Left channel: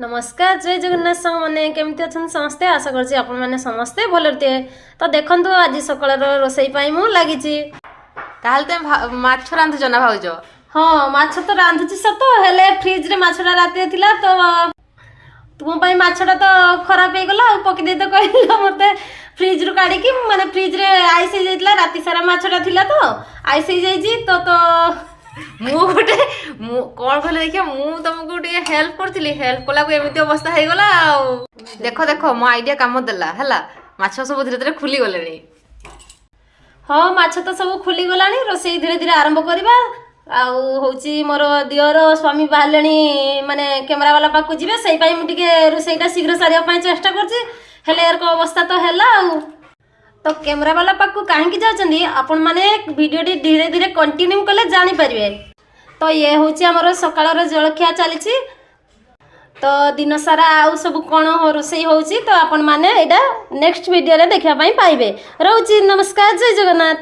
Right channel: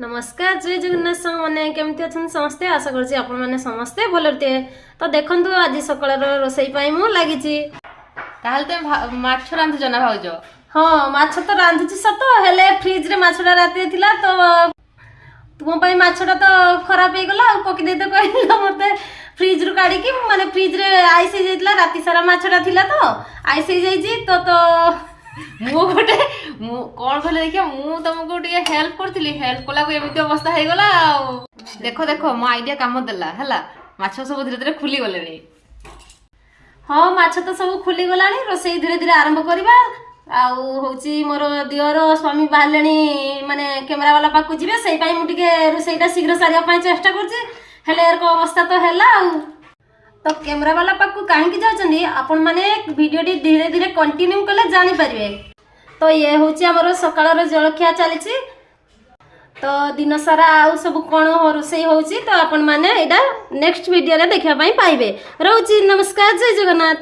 नमस्कार जय जगन्नाथ सांग मैंने केमती अच्छा समस्ते आशा करছি ଆପଣ ମାନେ ସମସ୍ତେ ଭଲରେ ଥିବେ। ତ ଦେଖନ୍ତୁ ଆଜି ସକାଳର ରୋଷେଇ ପାଇଁ ମୁଁ ଲାଗିଛି। ତାହେଲେ ତମେ ମାଛ ରାନ୍ଧୁଛ ନା ଭାଉଜ? ହଁ ମାଛ ତ ରାନ୍ଧୁଛି ସତ, ହେଲେ ଫ୍ରିଜ ରେ ମାଛଟା ରାତିରେ ଥିଲା ତ ତୁମ ପାଇଁ ମାଛଟା ତ ଖରାପ ହେଇଗଲା ଆଉ ପକେଇ ଦେଇ ତ କହିଲା ମତେ ଫ୍ରିଜ ରୁ କାଢିକି, ମାନେ ଫ୍ରିଜ ରେ ଆଇସ ହେଇଯାଇଥିଲା, ରାତି ସାରା ମାଛଟା ଥିଲା ତ ଆଇସ ହେଇଯାଇଛି ତ ତ ମୁଁ ଗୋଟେ କଣ କହିଲେ ଦେଖିଆ, ମୁଁ ତମକୁ ଟିକେ ହେଲ୍ପ କରିଥିଲି, ହେଲ୍ପ କଲାକୁ ଏମିତି ଅବସ୍ଥା ହେଇଗଲା ଆଉ। ଦେଖ ଦେଖ ମୋ ଆଇଡିଆ କାମ ଦେଲା ହେଲା, ମାଛ ସବୁ ଧୀରେ ଧୀରେ ଖୁଲି ଗଲେଣି। ହଁ ମାଛ ତ ସବୁ ଖୁଲି ଗଲାଣି, ରୋଷେଇ ଧୀରେ ଧୀରେ ଆରମ୍ଭ କରିବା। ଆଉ ହଉଛି ମୋର ଦିଅର ସ୍ୱାମୀ ବାହାରିଲେଣି, ମାନେ କ୍ୟାମେରା ବାଲା ପାଖକୁ ଯିବେ, ସେଇ ପାଇଁ ମୁଁ ଟିକେ ରୋଷେଇଟା ଶୀଘ୍ର ସାରିବା ପାଇଁ ଚେଷ୍ଟା କରୁଛି, ହେଲେ ଏରକ ଅବସ୍ଥା ତ ହେଲା ଆଉ। ତ କ୍ୟାମେରା ବାଲା ପାଖକୁ କାହିଁକି ଯାଉଛନ୍ତି ଆପଣ ମାନେ ଭିଡ଼ିଓଟି ଧୀରେ ଧୀରେ କଣ୍ଟିନ୍ୟू କଲେ ଜାଣିପାରିବେ। ତ ଇଏ ହଉଛି ଆମର ସକାଳର ଜଳଖିଆ ଚାଲିଛି, ତ दिन सारा आउ सब कौन रोषेई होची तो आपण माने एटा नेक्स्ट वीडियो रे देखा पाई पाइबे। रहउची नमस्कार जय जगन्नाथ।